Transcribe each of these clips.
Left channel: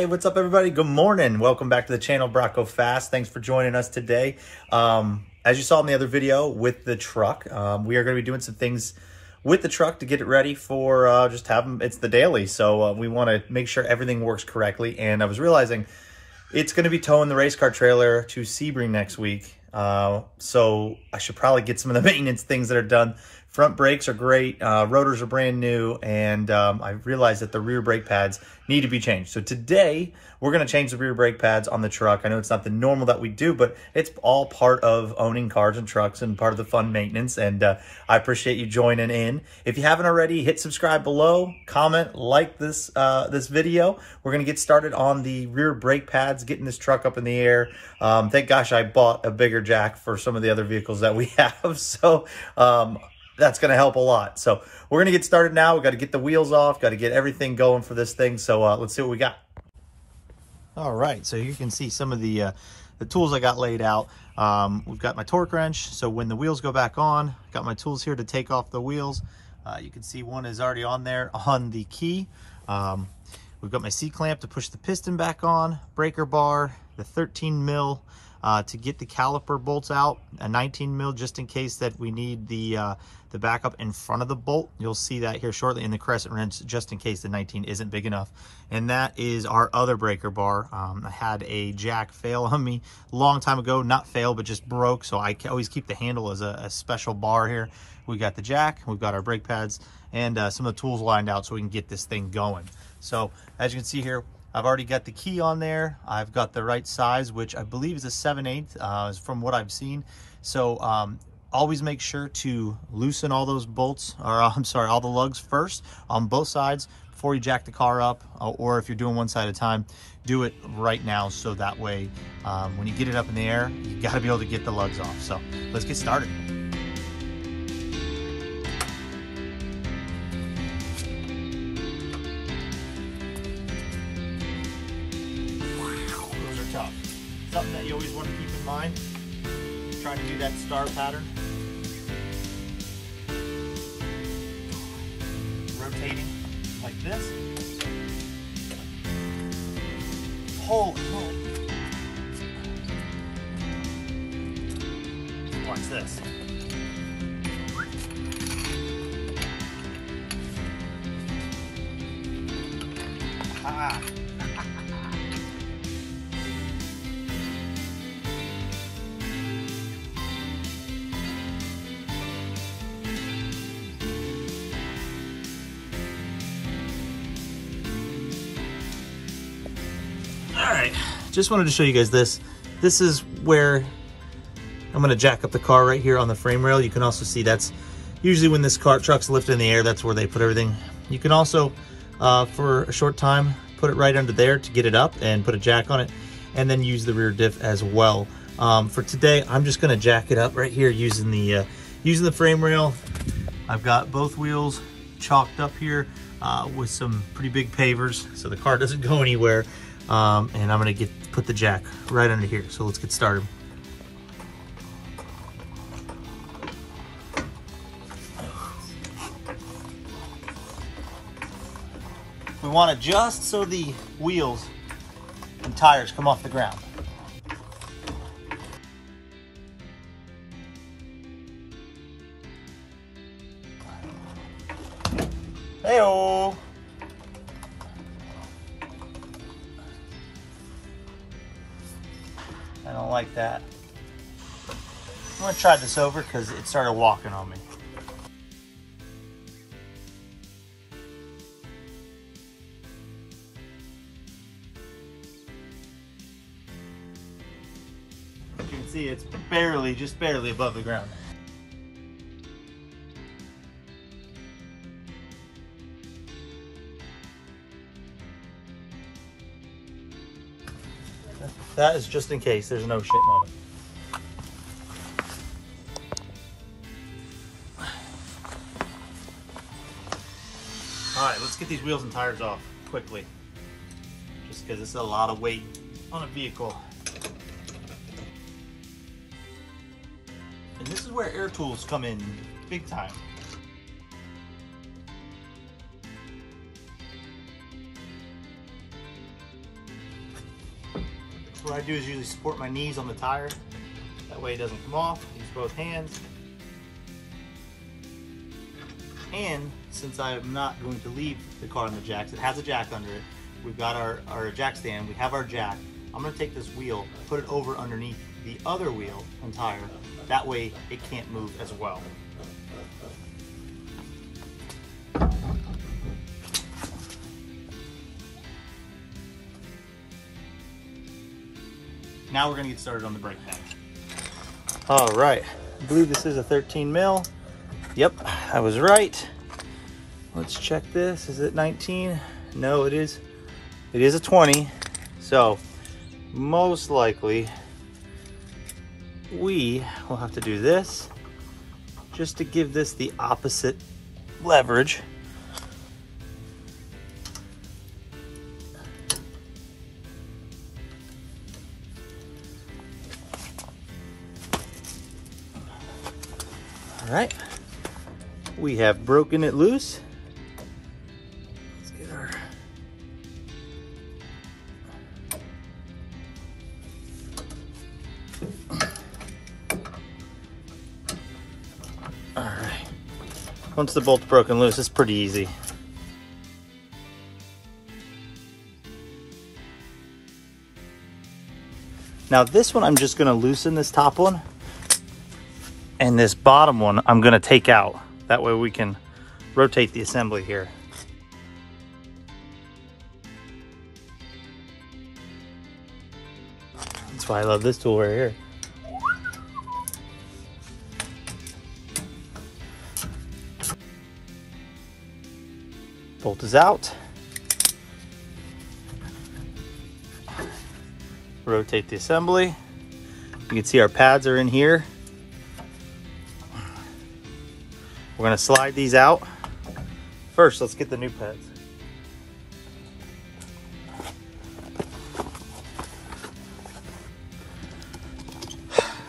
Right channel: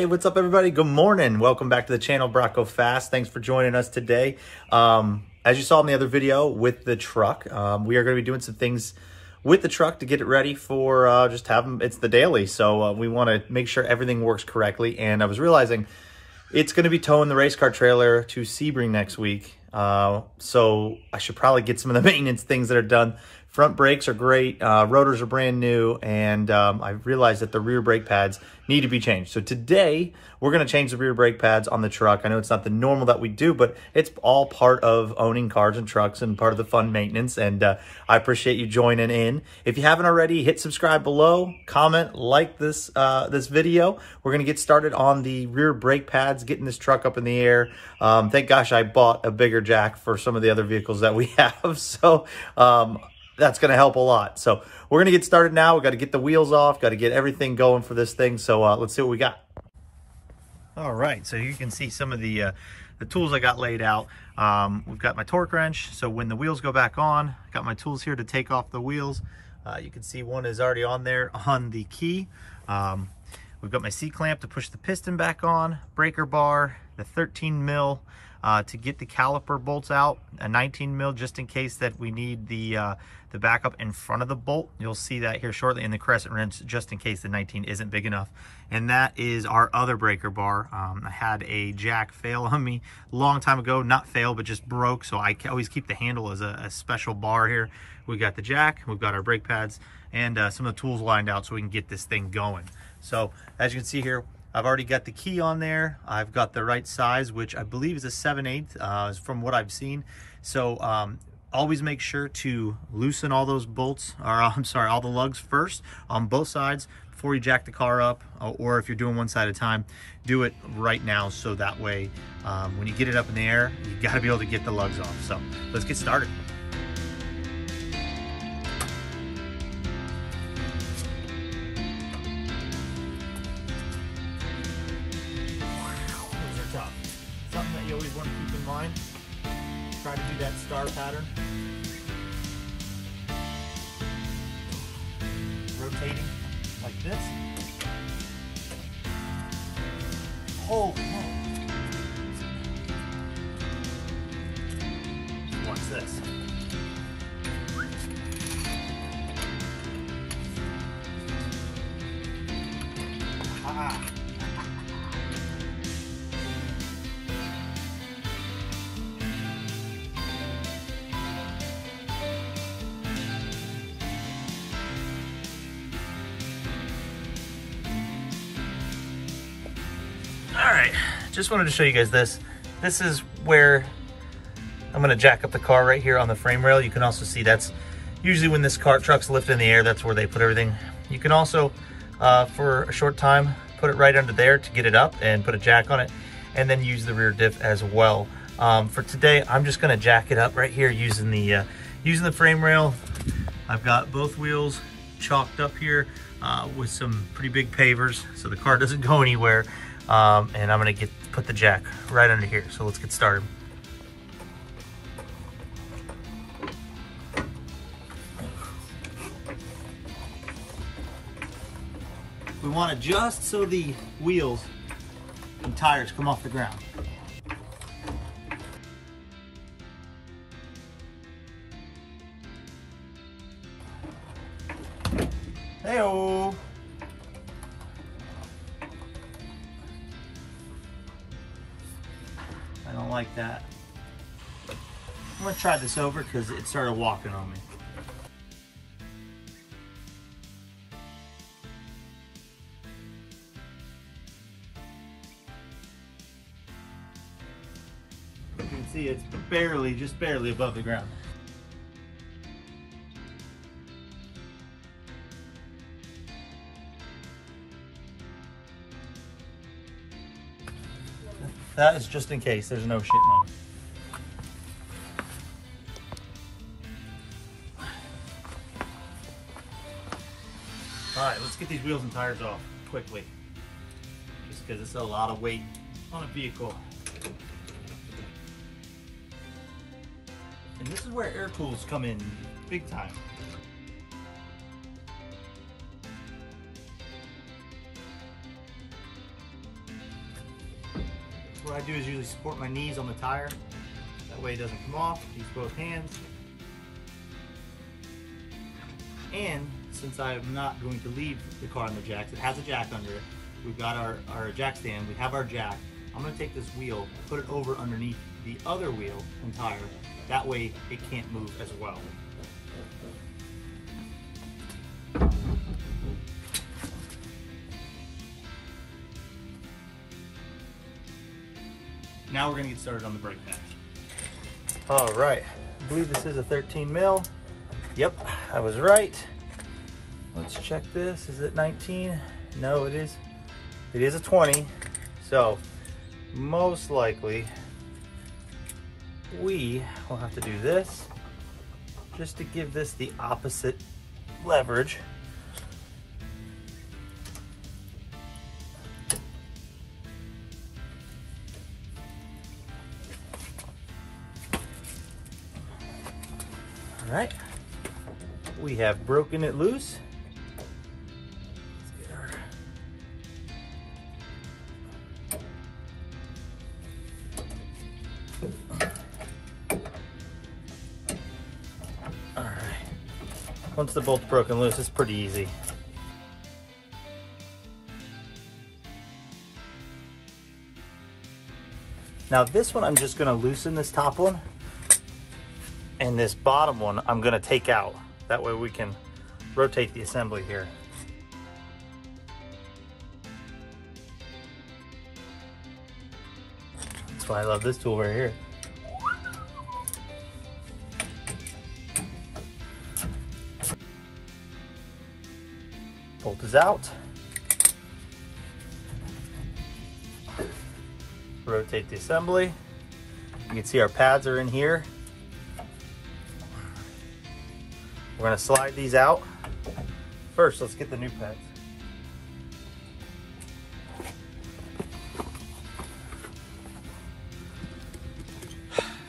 Hey, what's up everybody? Good morning. Welcome back to the channel, Go Fast. Thanks for joining us today. As you saw in the other video with the truck, we are going to be doing some things with the truck to get it ready for just have them. It's the daily, so we want to make sure everything works correctly. And I was realizing it's going to be towing the race car trailer to Sebring next week. So I should probably get some of the maintenance things that are done. Front brakes are great, rotors are brand new, and I realized that the rear brake pads need to be changed. So today, we're going to change the rear brake pads on the truck. I know it's not the normal that we do, but it's all part of owning cars and trucks and part of the fun maintenance, and I appreciate you joining in. If you haven't already, hit subscribe below, comment, like this this video. We're going to get started on the rear brake pads, getting this truck up in the air. Thank gosh I bought a bigger jack for some of the other vehicles that we have, so that's going to help a lot. So we're going to get started now. We got to get the wheels off, got to get everything going for this thing. So let's see what we got. All right, so you can see some of the tools I got laid out. We've got my torque wrench, so when the wheels go back on, I got my tools here to take off the wheels. You can see one is already on there on the key. We've got my C-clamp to push the piston back on, breaker bar, the 13 mil to get the caliper bolts out, a 19 mil just in case that we need the backup in front of the bolt. You'll see that here shortly in the crescent wrench, just in case the 19 isn't big enough. And that is our other breaker bar. I had a jack fail on me a long time ago, not fail, but just broke. So I always keep the handle as a special bar here. We got the jack, we've got our brake pads, and some of the tools lined out so we can get this thing going. So as you can see here, I've already got the key on there. I've got the right size, which I believe is a 7/8 from what I've seen. So always make sure to loosen all those bolts, or I'm sorry, all the lugs first on both sides before you jack the car up, or if you're doing one side at a time, do it right now so that way when you get it up in the air, you got to be able to get the lugs off. So let's get started. Those are tough. Something that you always want to keep in mind. Try to do that star pattern. Rotating like this. Holy moly. Watch this. Ah. All right, just wanted to show you guys this. This is where I'm gonna jack up the car right here on the frame rail. You can also see that's usually when this truck's lifted in the air, that's where they put everything. You can also, for a short time, put it right under there to get it up and put a jack on it, and then use the rear diff as well. For today, I'm just gonna jack it up right here using the frame rail. I've got both wheels chalked up here with some pretty big pavers so the car doesn't go anywhere. And I'm gonna put the jack right under here. So let's get started. We want to adjust so the wheels and tires come off the ground. Hey-oh! I don't like that. I'm gonna try this over because it started walking on me. You can see it's barely, just barely above the ground. That is just in case there's no shit on it. All right, let's get these wheels and tires off quickly. Just because it's a lot of weight on a vehicle. And this is where air tools come in big time. I do is usually support my knees on the tire. That way it doesn't come off. Use both hands. And since I'm not going to leave the car on the jacks, it has a jack under it. We've got our jack stand, we have our jack. I'm gonna take this wheel, put it over underneath the other wheel and tire. That way it can't move as well. Now we're gonna get started on the brake pad. All right, I believe this is a 13 mil. Yep, I was right. Let's check this. Is it 19? No, it is. It is a 20. So most likely we will have to do this just to give this the opposite leverage. All right, we have broken it loose. Let's get our all right. Once the bolt's broken loose, it's pretty easy. Now this one, I'm just gonna loosen this top one. And this bottom one, I'm gonna take out. That way we can rotate the assembly here. That's why I love this tool right here. Bolt is out. Rotate the assembly. You can see our pads are in here. We're gonna slide these out. First, let's get the new pads.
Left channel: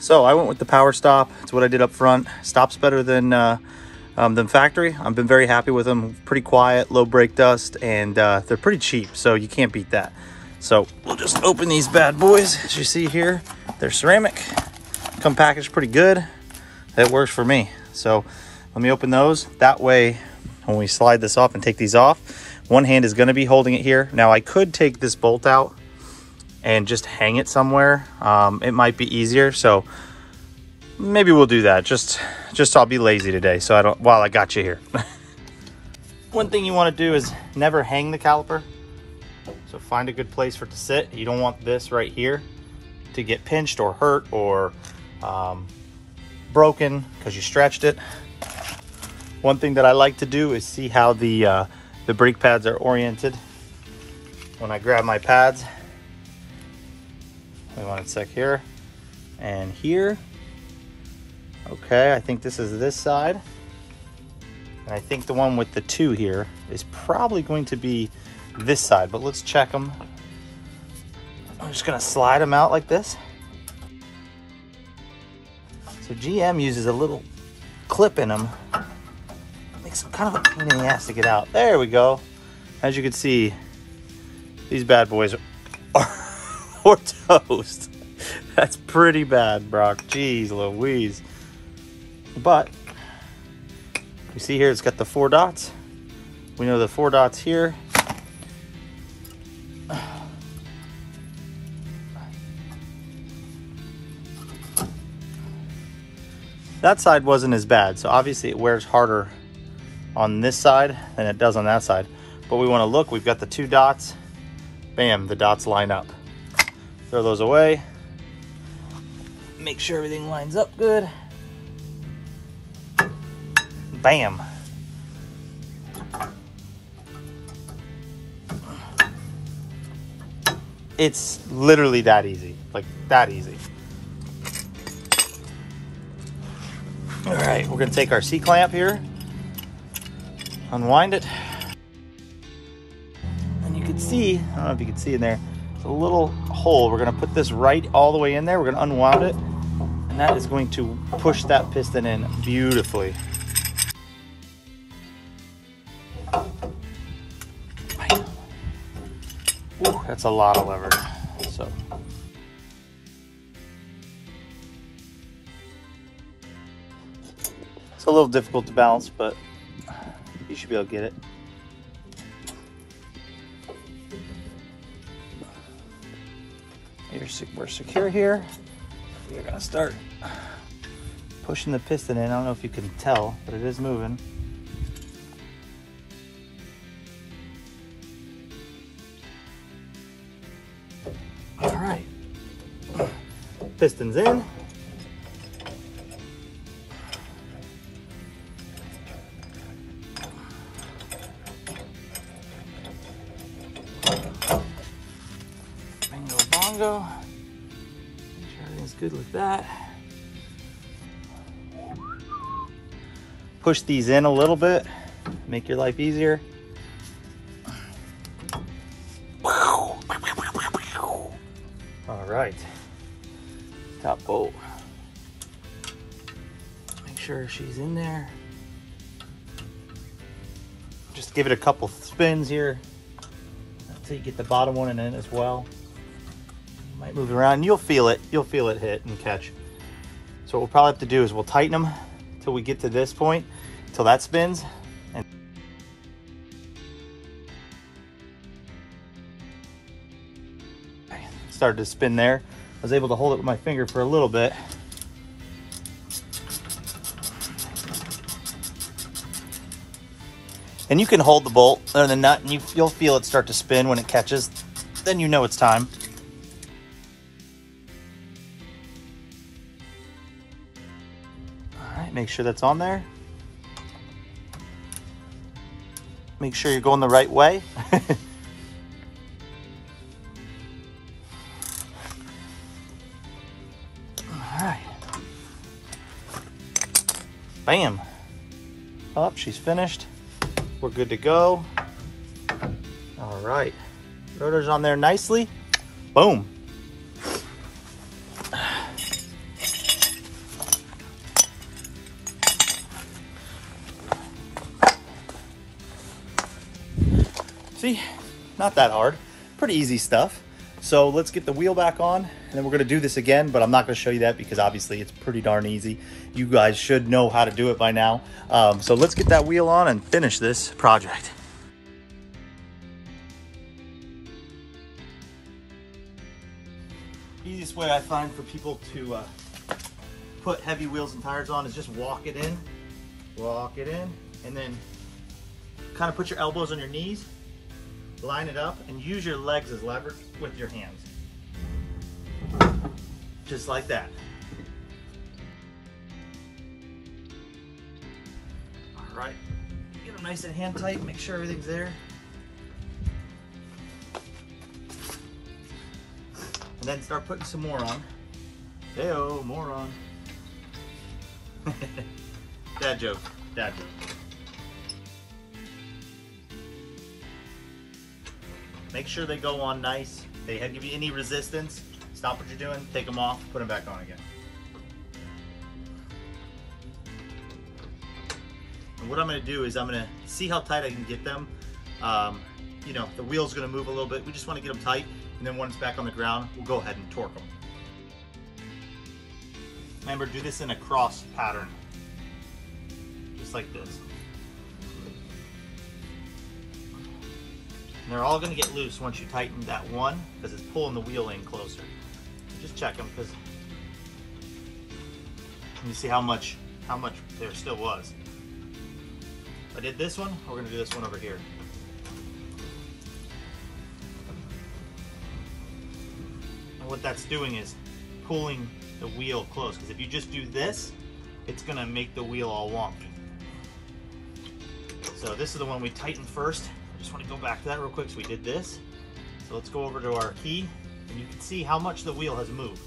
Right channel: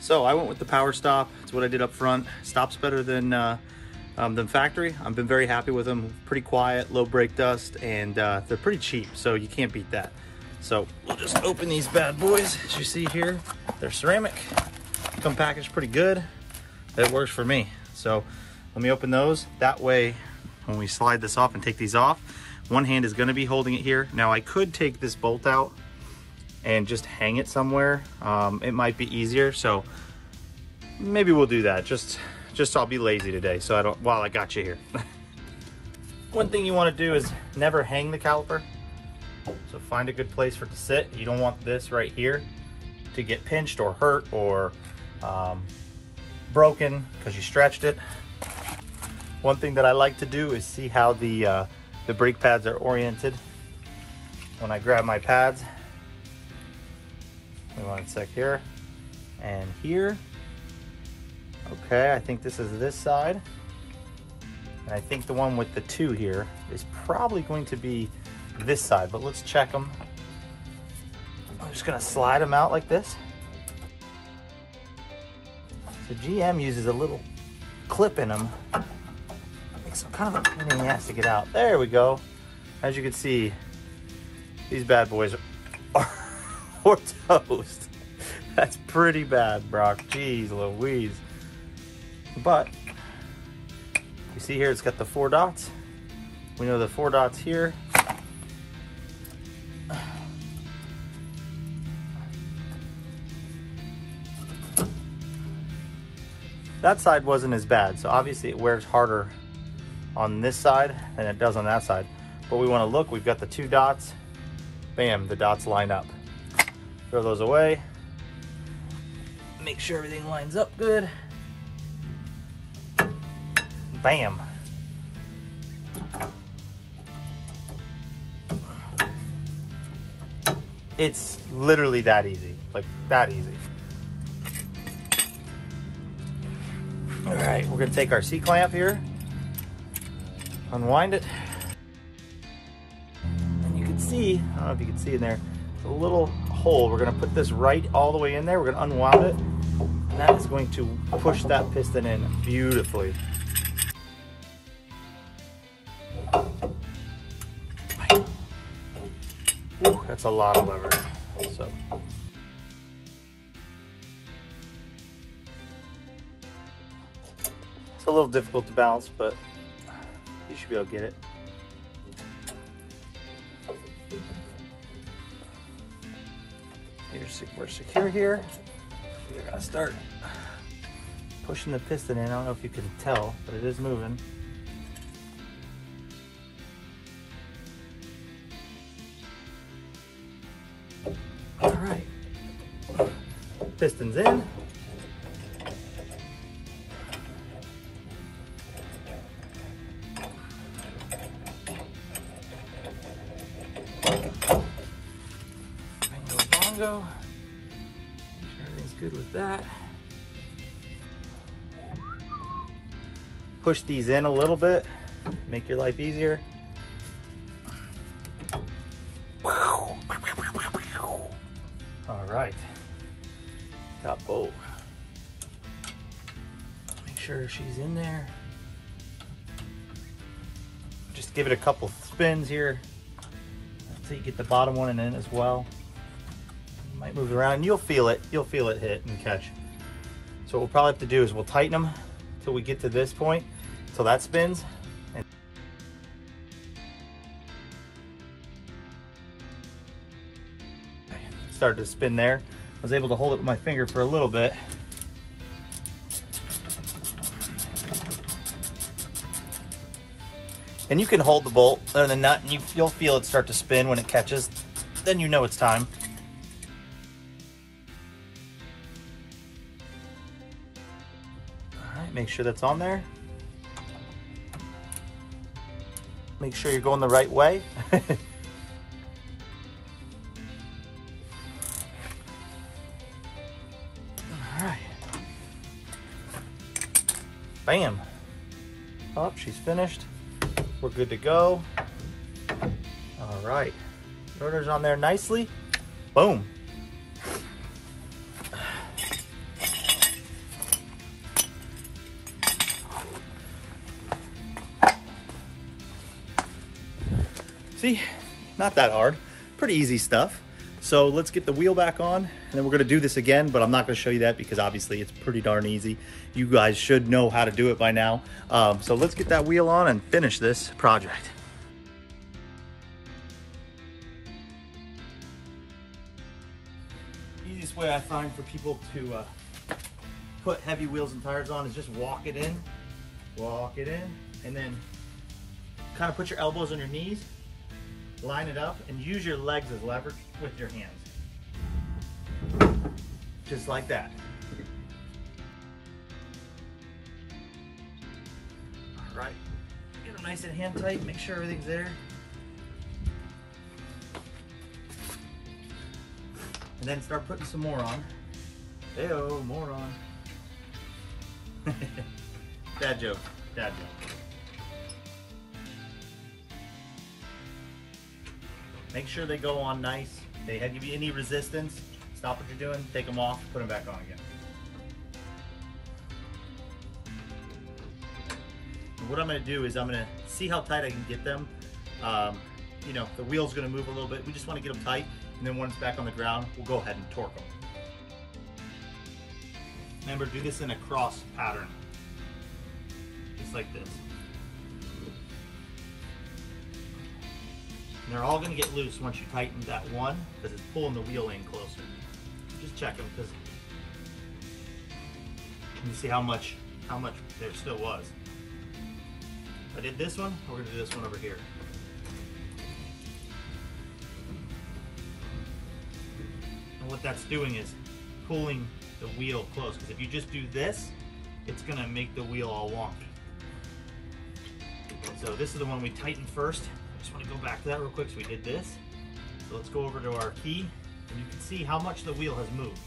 So I went with the power stop. It's what I did up front. Stops better than factory. I've been very happy with them. Pretty quiet, low brake dust, and they're pretty cheap, so you can't beat that. So we'll just open these bad boys. As you see here, they're ceramic. Come packaged pretty good. That works for me. So let me open those. That way, when we slide this off and take these off, one hand is gonna be holding it here. Now I could take this bolt out and just hang it somewhere. It might be easier, so maybe we'll do that. Just I'll be lazy today, so while I got you here. One thing you wanna do is never hang the caliper. So find a good place for it to sit. You don't want this right here to get pinched or hurt or broken because you stretched it. One thing that I like to do is see how the brake pads are oriented. When I grab my pads, I want it sec here and here. Okay, I think this is this side. And I think the one with the 2 here is probably going to be this side, but let's check them. I'm just gonna slide them out like this. So GM uses a little clip in them. Makes kind of a pain in the ass to get out. There we go. As you can see, these bad boys are toast. That's pretty bad, Brock. Jeez Louise. But you see here, it's got the 4 dots. We know the 4 dots here. That side wasn't as bad, so obviously it wears harder on this side than it does on that side. But we want to look, we've got the 2 dots. Bam, the dots line up. Throw those away. Make sure everything lines up good. Bam. It's literally that easy, like that easy. All right, we're gonna take our C-clamp here, unwind it. And you can see, I don't know if you can see in there, it's a little hole. We're gonna put this right all the way in there. We're gonna unwind it, and that is going to push that piston in beautifully. Ooh, that's a lot of leverage. So It's a little difficult to balance, but you should be able to get it. We're secure here. We're gonna start pushing the piston in. I don't know if you can tell, but it is moving. All right, piston's in. Bongo. Make sure everything's good with that. Push these in a little bit, make your life easier. All right, top bolt. Make sure she's in there. Just give it a couple spins here until you get the bottom one in as well. Might move around. You'll feel it hit and catch. So what we'll probably have to do is we'll tighten them until we get to this point, till that spins. And started to spin there. I was able to hold it with my finger for a little bit. And you can hold the bolt under the nut and you'll feel it start to spin when it catches. Then you know it's time. All right, make sure that's on there. Make sure you're going the right way. All right. Bam. Up, she's finished. We're good to go. All right. Rotor's on there nicely. Boom. See, not that hard. Pretty easy stuff. So let's get the wheel back on, and then we're gonna do this again, but I'm not gonna show you that because obviously it's pretty darn easy. You guys should know how to do it by now. So let's get that wheel on and finish this project. Easiest way I find for people to put heavy wheels and tires on is just walk it in, and then kind of put your elbows on your knees, line it up, and use your legs as leverage with your hands. Just like that. All right, get them nice and hand tight, make sure everything's there. And then start putting some more on. Hey-oh, more on. Dad joke, dad joke. Make sure they go on nice. They give you any resistance, stop what you're doing, take them off, put them back on again. And what I'm gonna do is I'm gonna see how tight I can get them. You know, the wheel's gonna move a little bit. We just wanna get them tight, and then when it's back on the ground, we'll go ahead and torque them. Remember, do this in a cross pattern, just like this. And they're all going to get loose once you tighten that one, because it's pulling the wheel in closer. Just check them, because you see how much there still was. I did this one, we're going to do this one over here. And what that's doing is pulling the wheel close, because if you just do this, it's going to make the wheel all wonky. So this is the one we tightened first. Just want to go back to that real quick. So we did this. So let's go over to our key, and you can see how much the wheel has moved.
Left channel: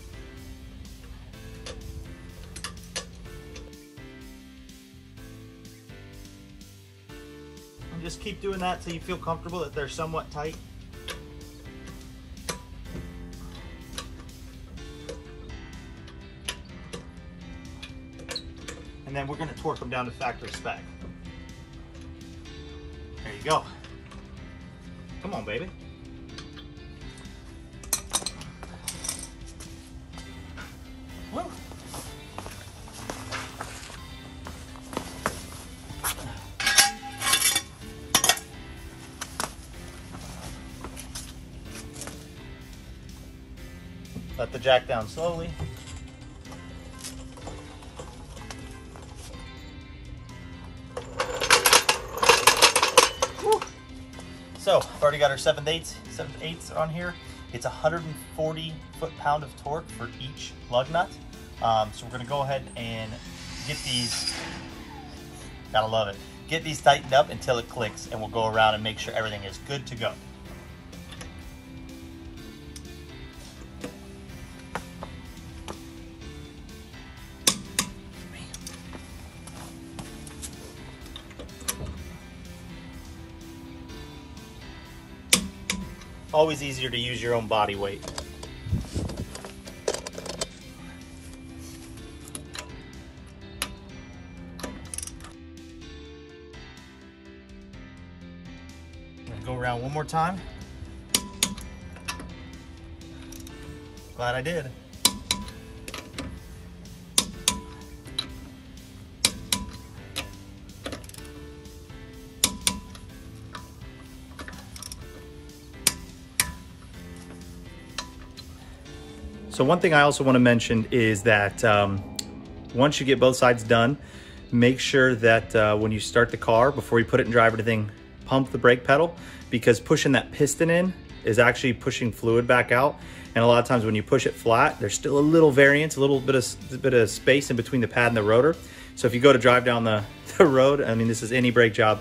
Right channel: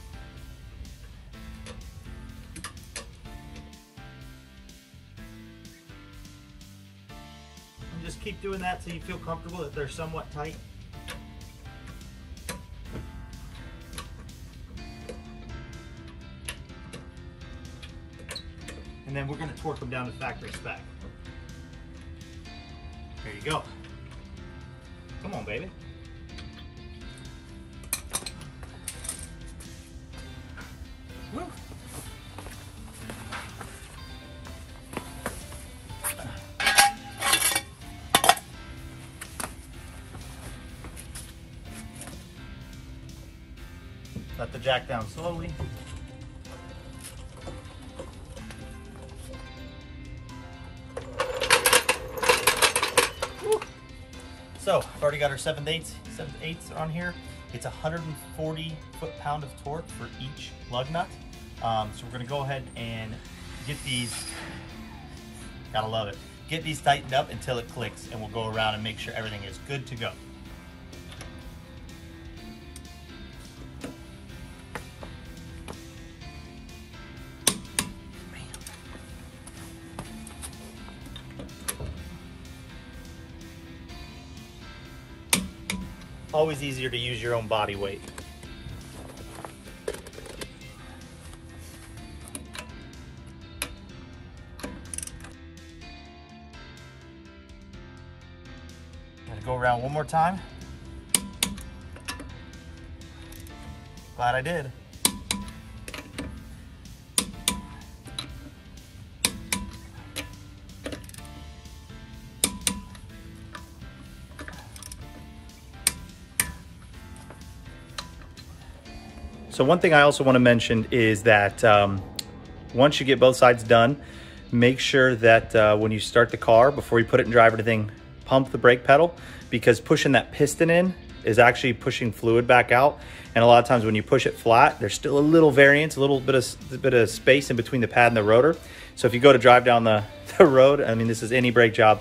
And just keep doing that till you feel comfortable that they're somewhat tight. And then we're going to torque them down to factory spec. There you go. Come on, baby. Woo. jack down slowly. Woo. So I've already got our 7/8 on here. It's 140 foot-pound of torque for each lug nut. So we're gonna go ahead and get these, gotta love it, get these tightened up until it clicks, and we'll go around and make sure everything is good to go. Always easier to use your own body weight. I'm gonna go around one more time. Glad I did. So one thing I also want to mention is that once you get both sides done, make sure that when you start the car, before you put it in drive or anything, pump the brake pedal, because pushing that piston in is actually pushing fluid back out. And a lot of times when you push it flat, there's still a little variance, a little bit of space in between the pad and the rotor. So if you go to drive down the road, I mean, this is any brake job,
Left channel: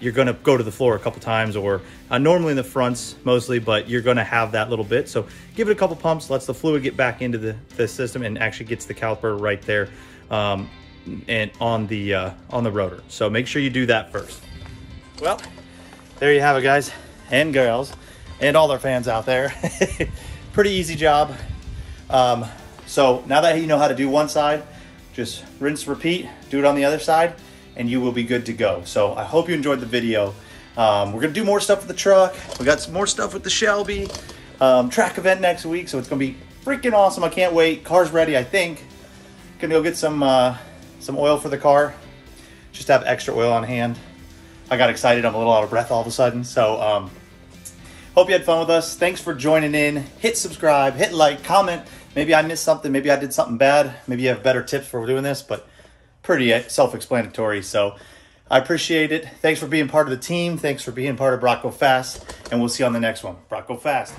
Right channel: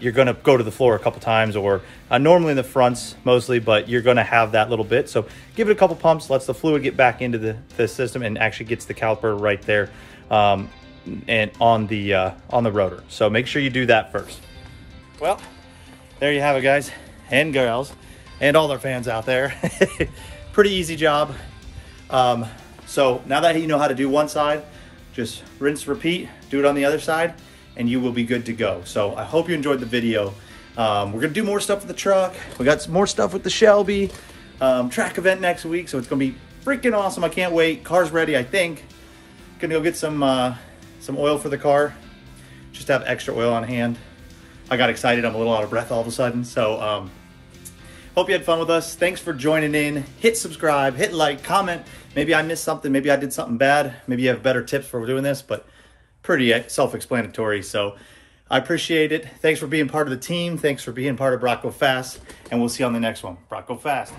you're gonna go to the floor a couple times, or normally in the fronts mostly, but you're gonna have that little bit. So give it a couple pumps, lets the fluid get back into the system, and actually gets the caliper right there and on the rotor. So make sure you do that first. Well, there you have it, guys and girls, and all our fans out there. Pretty easy job. So now that you know how to do one side, just rinse, repeat, do it on the other side, and you will be good to go. So I hope you enjoyed the video. We're gonna do more stuff with the truck. We got some more stuff with the Shelby track event next week, so it's gonna be freaking awesome. I can't wait. Car's ready, I think. Gonna go get some oil for the car, just to have extra oil on hand. I got excited. I'm a little out of breath all of a sudden. So hope you had fun with us. Thanks for joining in. Hit subscribe, hit like, comment. Maybe I missed something. Maybe I did something bad. Maybe you have better tips for doing this, but pretty self-explanatory. So I appreciate it. Thanks for being part of the team. Thanks for being part of Brock Go Fast, and we'll see you on the next one. Brock Go Fast.